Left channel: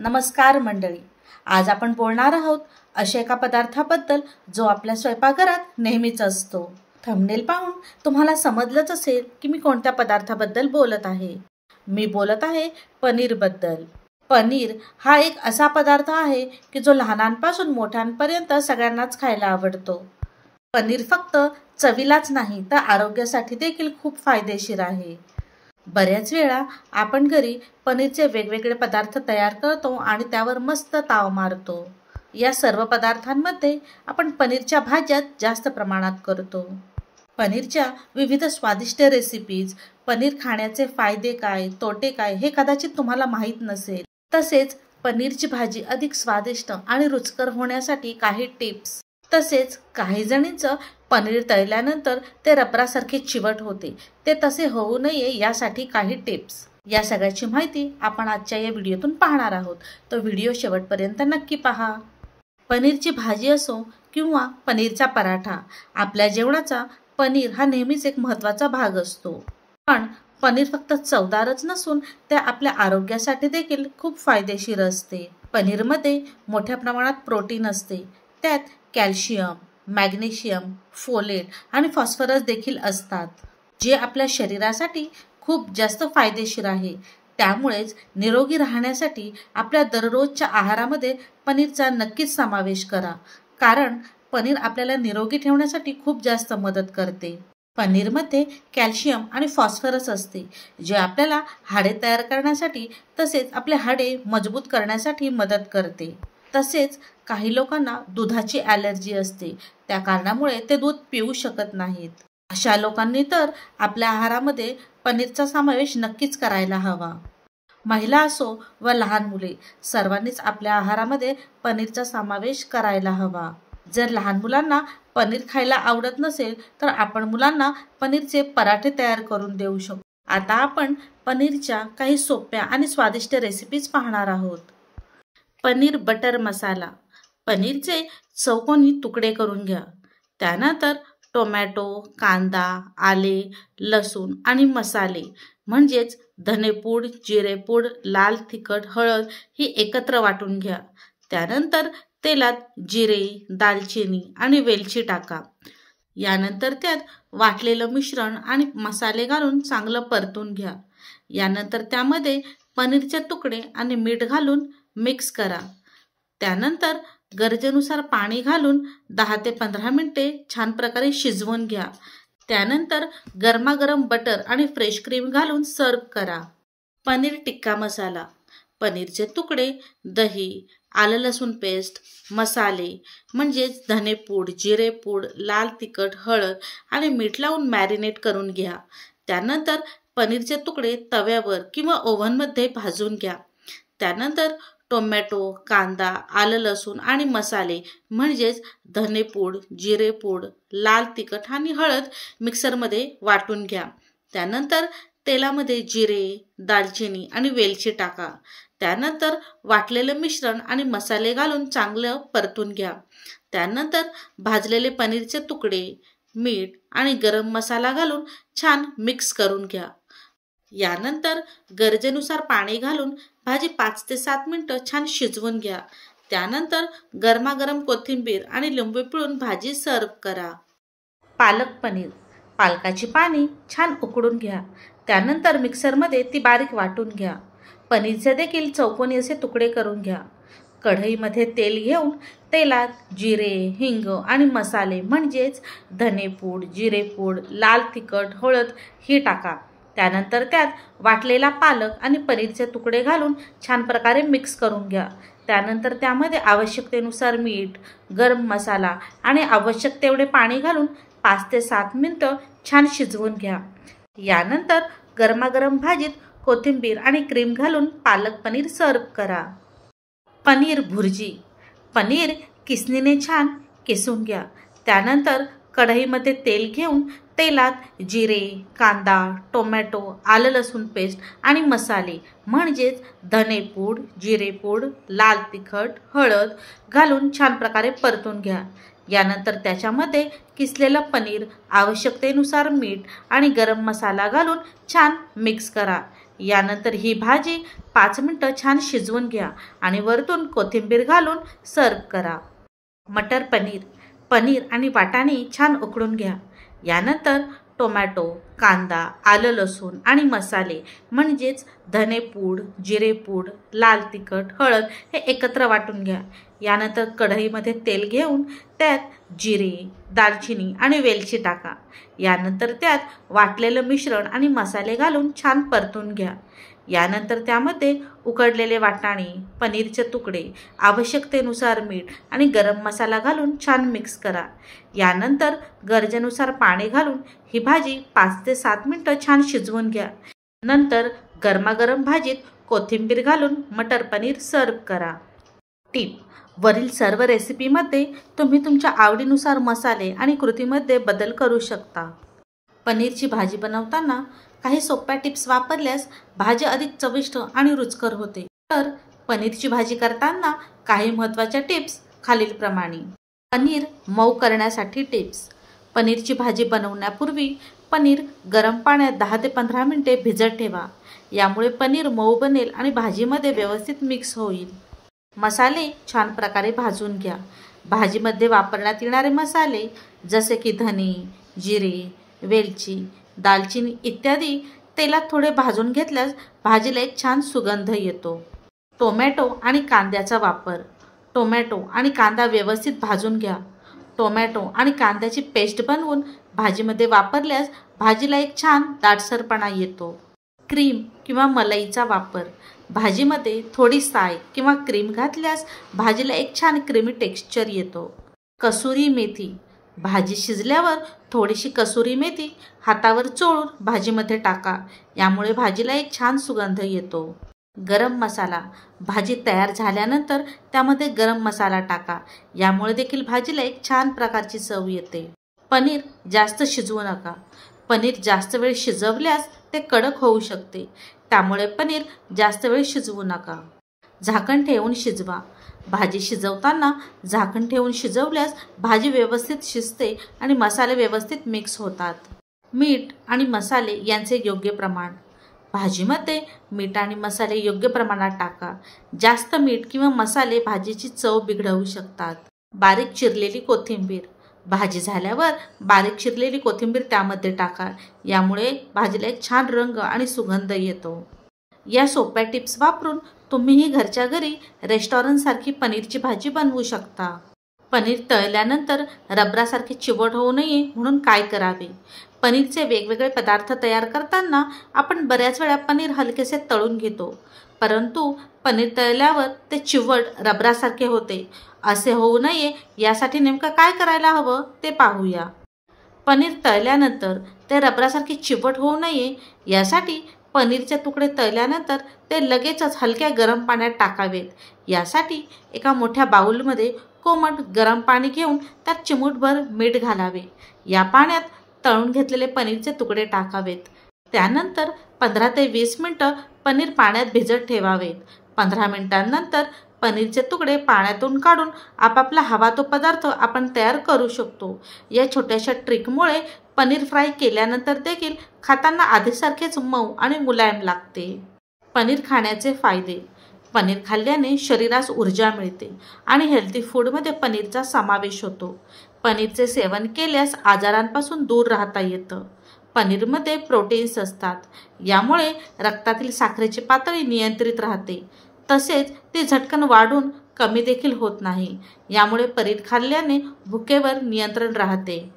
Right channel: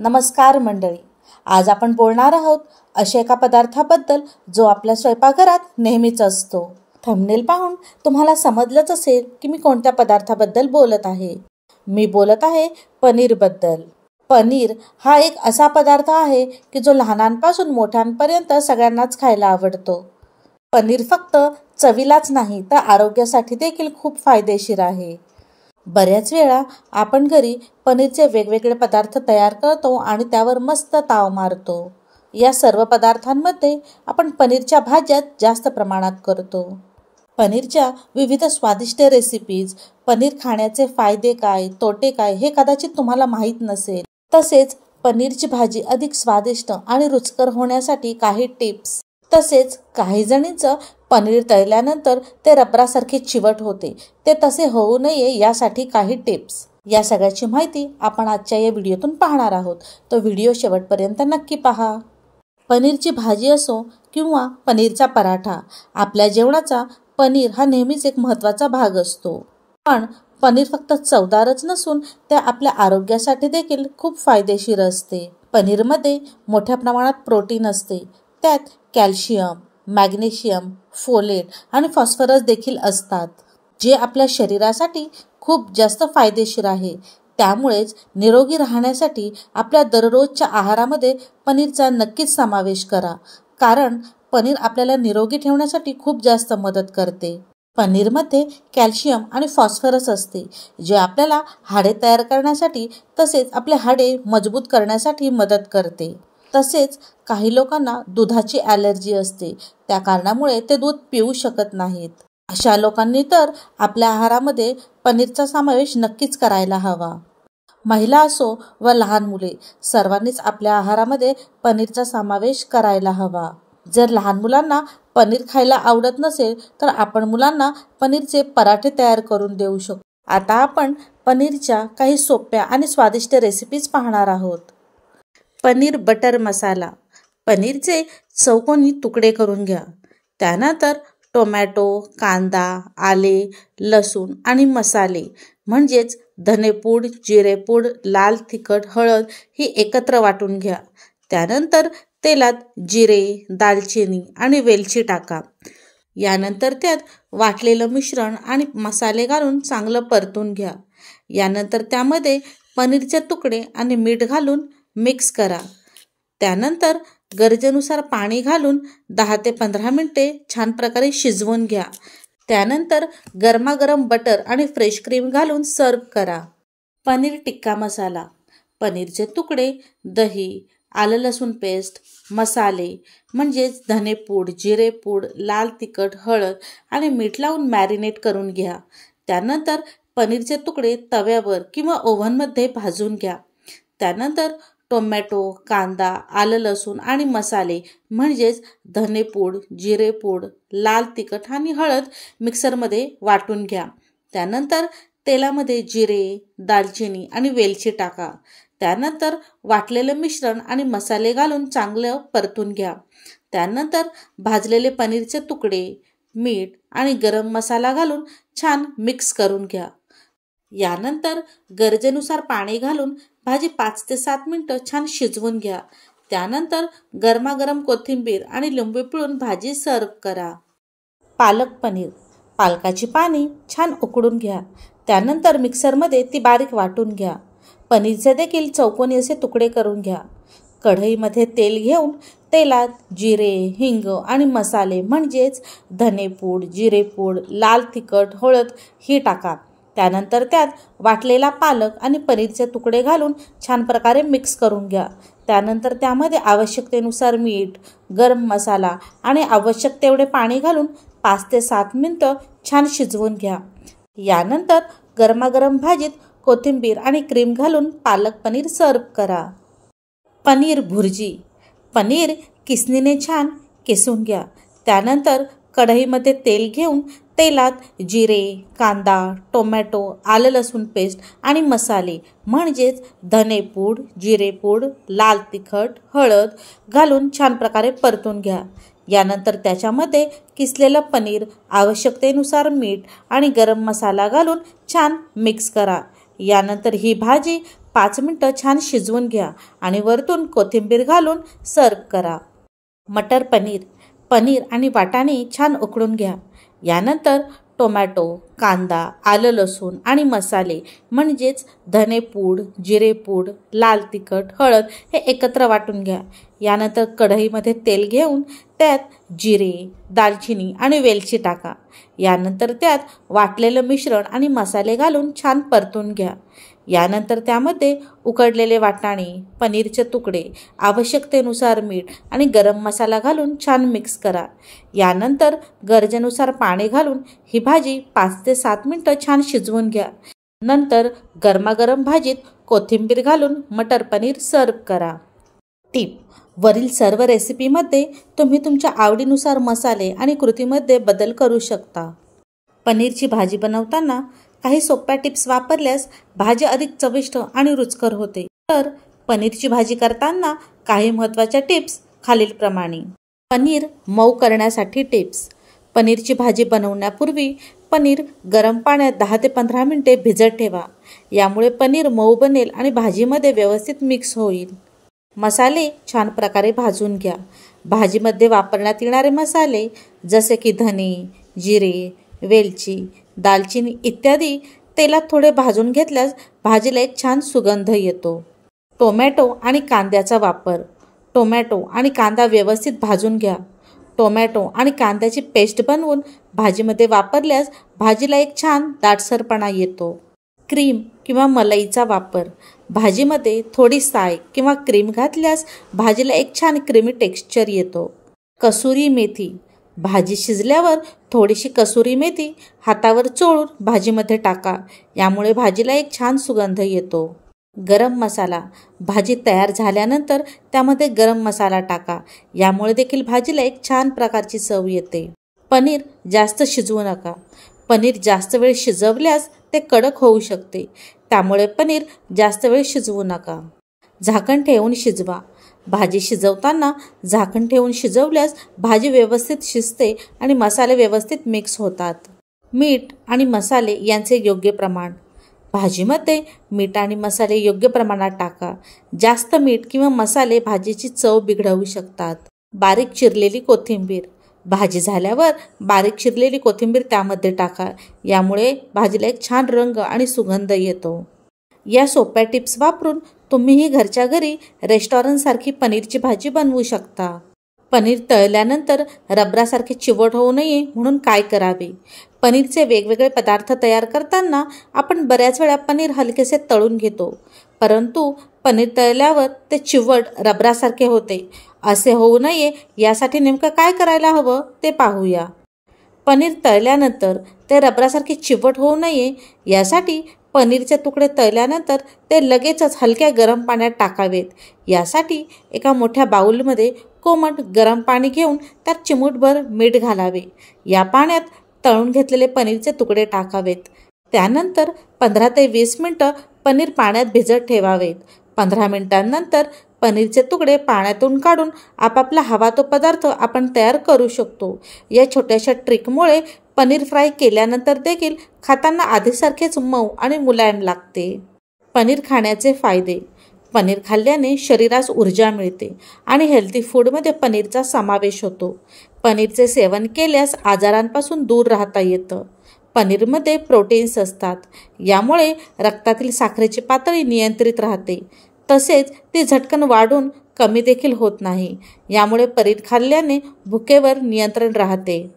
नमस्कार मंडळी, आज आपण बोलणार आहोत अशा एका पदार्थाबद्दल जो आपल्या स्वयंपाकघरात नेहमीच असतो। थंबनेल पाहून तुम्हाला समजलंच असेल की मी कोणत्या पदार्थाबद्दल बोलत आहे। मी बोलत आहे पनीरबद्दल। पनीर हा एक असा पदार्थ आहे की जो लहानांपासून मोठ्यांपर्यंत सगळ्यांनाच खायला आवडतो। पनीर फक्त चवीलाच नाही तर आरोग्यासाठी देखील खूप फायदेशीर आहे। बऱ्याच वेळा आपण घरी पनीरचे वेगवेगळे पदार्थ तयार करतो आणि त्यावर मस्त ताव मारतो। या सर्व पदार्थांमध्ये आपण पनीरच्या भाज्या जास्त प्रमाणात करतो। पनीरच्या विविध स्वादिष्ट रेसिपीज, पनीर खाण्याचे फायदे काय, तोटे काय हे कदाचित तुम्हाला माहीत नसेल। तसेच पनीरची भाजी अधिक स्वादिष्ट आणि रुचकर होण्यासाठी काही टिप्स, तसेच काही जणींचं पनीर तळल्यानंतर ते रबरासारखे चिवट होते, ते तसे होऊ नये यासाठी काही टिप्स। या सगळ्याची माहिती आपण आजच्या या व्हिडिओतून पाहणार आहोत, तो व्हिडिओ शेवटपर्यंत नक्की पहा। पनीरची भाजी असो किंवा पनीरचा पराठा, आपल्या जेवणाचा पनीर हा नेहमीच एक महत्त्वाचा भाग असतो। पण पनीर फक्त चवदारच नसून ते आपल्या आरोग्यासाठी देखील खूप फायदेशीर असते। पनीरमध्ये मोठ्या प्रमाणात प्रोटीन असते, त्यात कॅल्शियम, मॅग्नेशियम, फोलेट आणि फॉस्फरस देखील असतात, जे आपल्या शरीरासाठी खूप जास्त फायदेशीर आहे। त्यामुळेच निरोगी राहण्यासाठी आपल्या दररोजच्या आहारामध्ये पनीरचा नक्कीच समावेश करा, कारण पनीर आपल्याला निरोगी ठेवण्यासाठी खूप जास्त मदत करते। पनीरमध्ये कॅल्शियम आणि फॉस्फरस असते, जे आपल्याला हाडे तयार करण्यासाठी तसेच आपले हाडे मजबूत करण्यासाठी मदत करते। तसेच काही लोकांना दुधाची ॲलर्जी असते, त्या कारणामुळे ते दूध पिऊ शकत नाहीत। अशा लोकांनी तर आपल्या आहारामध्ये पनीरचा समावेश नक्कीच करायला हवा। महिला असो व लहान मुले, सर्वांनीच आपल्या आहारामध्ये पनीरचा समावेश करायला हवा। जर लहान मुलांना पनीर खायला आवडत नसेल तर आपण मुलांना पनीरचे पराठे तयार करून देऊ शकतो। आता आपण पनीरच्या काही सोप्या आणि स्वादिष्ट रेसिपीज पाहणार आहोत। पनीर बटर मसाला। पनीरचे चौकोनी तुकडे करून घ्या। त्यानंतर टोमॅटो, कांदा, आले, लसूण आणि मसाले म्हणजेच धनेपूड, जिरेपूड, लाल तिखट, हळद ही एकत्र वाटून घ्या। त्यानंतर तेलात जिरे, दालचिनी आणि वेलची टाका। यानंतर त्यात वाटलेलं मिश्रण आणि मसाले घालून चांगलं परतून घ्या। यानंतर त्यामध्ये पनीरचे तुकडे आणि मीठ घालून मिक्स करा। त्यानंतर गरजेनुसार पाणी घालून 10 ते 15 मिनिटे छान प्रकारे शिजवून घ्या। त्यानंतर गरमागरम बटर आणि फ्रेश क्रीम घालून सर्व करा। पनीर टिक्का मसाला। पनीरचे तुकडे, दही, आलं लसूण पेस्ट, मसाले म्हणजेच धनेपूड, जिरेपूड, लाल तिखट, हळद आणि मीठ लावून मॅरिनेट करून घ्या। त्यानंतर पनीरचे तुकडे तव्यावर किंवा ओव्हनमध्ये भाजून घ्या। त्यानंतर टोमॅटो, कांदा, आलं लसूण आणि मसाले म्हणजेच धनेपूड, जिरेपूड, लाल तिखट आणि हळद मिक्सरमध्ये वाटून घ्या। त्यानंतर तेलामध्ये जिरे, दालचिनी आणि वेलची टाका। त्यानंतर वाटलेलं मिश्रण आणि मसाले घालून चांगलं परतून घ्या। त्यानंतर भाजलेले पनीरचे तुकडे, मीठ आणि गरम मसाला घालून छान मिक्स करून घ्या। यानंतर गरजेनुसार पाणी घालून भाजी 5 ते 7 मिनिटं छान शिजवून घ्या। त्यानंतर गरमागरम कोथिंबीर आणि लिंबू पिळून भाजी सर्व करा। पालक पनीर। पालकाची पाने छान उकडून घ्या। त्यानंतर मिक्सरमध्ये ती बारीक वाटून घ्या। पनीरचे देखील चौकोनी असे तुकडे करून घ्या। कढईमध्ये तेल घेऊन तेलात जिरे, हिंग आणि मसाले म्हणजेच धनेपूड, जिरेपूड, लाल तिखट, हळद ही टाका। त्यानंतर त्यात वाटलेला पालक आणि पनीरचे तुकडे घालून छान प्रकारे मिक्स करून घ्या। त्यानंतर त्यामध्ये आवश्यकतेनुसार मीठ, गरम मसाला आणि आवश्यक तेवढे पाणी घालून 5 ते 7 मिनिटं छान शिजवून घ्या। यानंतर गरमागरम भाजीत कोथिंबीर आणि क्रीम घालून पालक पनीर सर्व करा। पनीर भुर्जी। पनीर किसणीने छान किसून घ्या। त्यानंतर कढईमध्ये तेल घेऊन तेलात जिरे, कांदा, टोमॅटो, आलं लसूण पेस्ट आणि मसाले म्हणजेच धनेपूड, जिरेपूड, लाल तिखट, हळद घालून छान प्रकारे परतून घ्या। यानंतर त्याच्यामध्ये किसलेलं पनीर, आवश्यकतेनुसार मीठ आणि गरम मसाला घालून छान मिक्स करा। यानंतर ही भाजी 5 मिनिटं छान शिजवून घ्या आणि वरतून कोथिंबीर घालून सर्व करा. मटर पनीर. पनीर आणि वाटाणे छान उकळून घ्या. यानंतर टोमॅटो, कांदा, आलं लसूण आणि मसाले म्हणजेच धनेपूड, जिरेपूड, लाल तिखट, हळद हे एकत्र वाटून घ्या. यानंतर कढईमध्ये तेल घेऊन त्यात जिरे, दालचिनी आणि वेलची टाका. यानंतर त्यात वाटलेलं मिश्रण आणि मसाले घालून छान परतून घ्या. यानंतर त्यामध्ये उकडलेले वाटाणे, पनीरचे तुकडे, आवश्यकतेनुसार मीठ आणि गरम मसाला घालून छान मिक्स करा. यानंतर गरजेनुसार पाणी घालून ही भाजी 5 ते 7 मिनिटं छान शिजवून घ्या. नंतर गरमागरम भाजीत कोथिंबीर घालून मटर पनीर सर्व करा. टिप: वरील सर्व रेसिपीमध्ये तुम्ही तुमच्या आवडीनुसार मसाले आणि कृतीमध्ये बदल करू शकता. पनीरची भाजी बनवताना काही सोप्या टिप्स वापरल्यास भाजी अधिक चविष्ट आणि रुचकर होते. तर पनीरची भाजी करताना काही महत्त्वाच्या टिप्स खालीलप्रमाणे. पनीर मऊ करण्यासाठी टिप्स. पनीरची भाजी बनवण्यापूर्वी पनीर गरम पाण्यात 10 ते 15 मिनिटे भिजत ठेवा. यामुळे पनीर मऊ बनेल आणि भाजीमध्ये व्यवस्थित मिक्स होईल. मसाले छान प्रकारे भाजून घ्या. भाजीमध्ये वापरण्यात येणारे मसाले जसे की धने, जिरे, वेलची, दालचिनी इत्यादी तेलात थोडे भाजून घेतल्यास भाजीला एक छान सुगंध येतो. टोमॅटो आणि कांद्याचा वापर. टोमॅटो आणि कांदा व्यवस्थित भाजून घ्या. टोमॅटो आणि कांद्याची पेस्ट बनवून भाजीमध्ये वापरल्यास भाजीला एक छान दाटसरपणा येतो. क्रीम किंवा मलईचा वापर. भाजीमध्ये थोडी साय किंवा क्रीम घातल्यास भाजीला एक छान क्रीमी टेक्स्चर येतो. कसुरी मेथी. भाजी शिजल्यावर थोडीशी कसुरी मेथी हातावर चोळून भाजीमध्ये टाका. यामुळे भाजीला एक छान सुगंध येतो. गरम मसाला. भाजी तयार झाल्यानंतर त्यामध्ये गरम मसाला टाका. यामुळे देखील भाजीला एक छान प्रकारची चव येते. पनीर जास्त शिजवू नका. पनीर जास्त वेळ शिजवल्यास ते कडक होऊ शकते. त्यामुळे पनीर जास्त वेळ शिजवू नका. झाकण ठेवून शिजवा. भाजी शिजवताना झाकण ठेवून शिजवल्यास भाजी व्यवस्थित शिजते आणि मसाले व्यवस्थित मिक्स होतात. मीठ आणि मसाले यांचे योग्य प्रमाण. भाजीमध्ये मीठ आणि मसाले योग्य प्रमाणात टाका. जास्त मीठ किंवा मसाले भाजीची चव बिघडवू शकतात. बारीक चिरलेली कोथिंबीर. भाजी झाल्यावर बारीक चिरलेली कोथिंबीर त्यामध्ये टाका. यामुळे भाजीला एक छान रंग आणि सुगंध येतो. या सोप्या टिप्स वापरून तुम्हीही घरच्या घरी रेस्टॉरंटसारखी पनीरची भाजी बनवू शकता. पनीर तळल्यानंतर रबरासारखे चिवट होऊ नये म्हणून काय करावे? पनीरचे वेगवेगळे पदार्थ तयार करताना आपण बऱ्याच वेळा पनीर हलकेसे तळून घेतो, परंतु पनीर तळल्यावर ते चिवट रबरासारखे होते. असे होऊ नये यासाठी नेमकं काय करायला हवं ते पाहूया. पनीर तळल्यानंतर ते रबरासारखे चिवट होऊ नये यासाठी पनीरचे तुकडे तळल्यानंतर ते लगेचच हलक्या गरम पाण्यात टाकावेत. यासाठी एका मोठ्या बाउलमध्ये कोमट गरम पाणी घेऊन त्यात चिमूटभर मीठ घालावे. या पाण्यात तळून घेतलेले पनीरचे तुकडे टाकावेत. त्यानंतर 15 ते 20 मिनिटं पनीर पाण्यात भिजत ठेवावेत. 15 मिनिटांनंतर पनीरचे तुकडे पाण्यातून काढून आपापला हवा तो पदार्थ आपण तयार करू शकतो. या छोट्याशा ट्रिकमुळे पनीर फ्राय केल्यानंतर देखील खाताना आधीसारखेच मऊ आणि मुलायम लागते. पनीर खाण्याचे फायदे. पनीर खाल्ल्याने शरीरास ऊर्जा मिळते आणि हेल्दी फूडमध्ये पनीरचा समावेश होतो. पनीरचे सेवन केल्यास आजारांपासून दूर राहता येतं. पनीरमध्ये प्रोटीन्स असतात. यामुळे रक्तातील साखरेची पातळी नियंत्रित राहते. तसेच ती झटकन वाढून कमी देखील होत नाही. यामुळे पनीर खाल्ल्याने भुकेवर नियंत्रण राहते.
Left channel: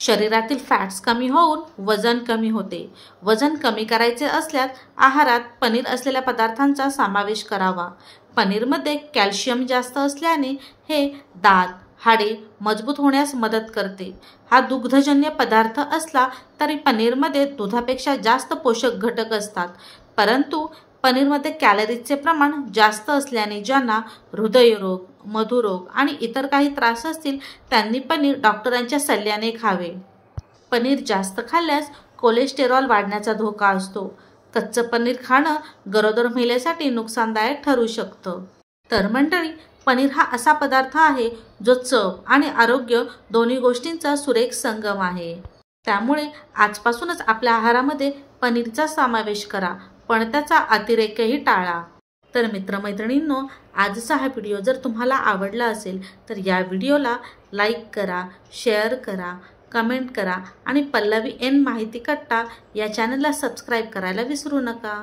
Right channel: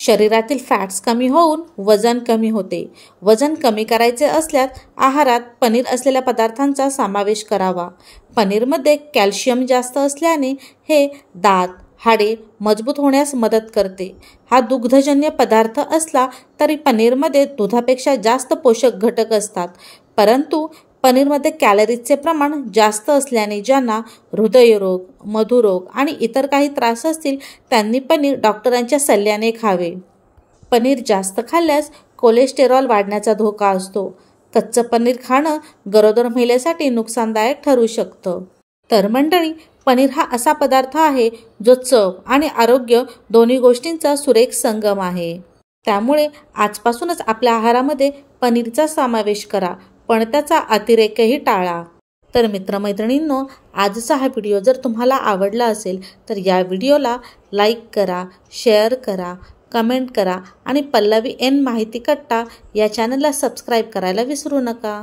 शरीरातील फॅट्स कमी होऊन वजन कमी होते. वजन कमी करायचे असल्यास आहारात पनीर असलेल्या पदार्थांचा समावेश करावा. पनीरमध्ये कॅल्शियम जास्त असल्याने हे दात, हाडे मजबूत होण्यास मदत करते. हा दुग्धजन्य पदार्थ असला तरी पनीरमध्ये दुधापेक्षा जास्त पोषक घटक असतात, परंतु पनीरमध्ये कॅलरीजचे प्रमाण जास्त असल्याने ज्यांना हृदयरोग, मधुरोग आणि इतर काही त्रास असतील त्यांनी पनीर डॉक्टरांच्या सल्ल्याने खावे. पनीर जास्त खाल्ल्यास कोलेस्टेरॉल वाढण्याचा धोका असतो. कच्चं पनीर खाणं गरोदर महिलेसाठी नुकसानदायक ठरू शकतं. तर मंडळी, पनीर हा असा पदार्थ आहे जो चव आणि आरोग्य दोन्ही गोष्टींचा सुरेख संगम आहे. त्यामुळे आजपासूनच आपल्या आहारामध्ये पनीरचा समावेश करा, पण त्याचा अतिरेकही टाळा. तर मित्रमैत्रिणींनो, आजचा हा व्हिडिओ जर तुम्हाला आवडला असेल तर या व्हिडिओला लाईक करा, शेअर करा, कमेंट करा आणि पल्लवी एन माहिती कट्टा या चॅनलला सबस्क्राईब करायला विसरू नका.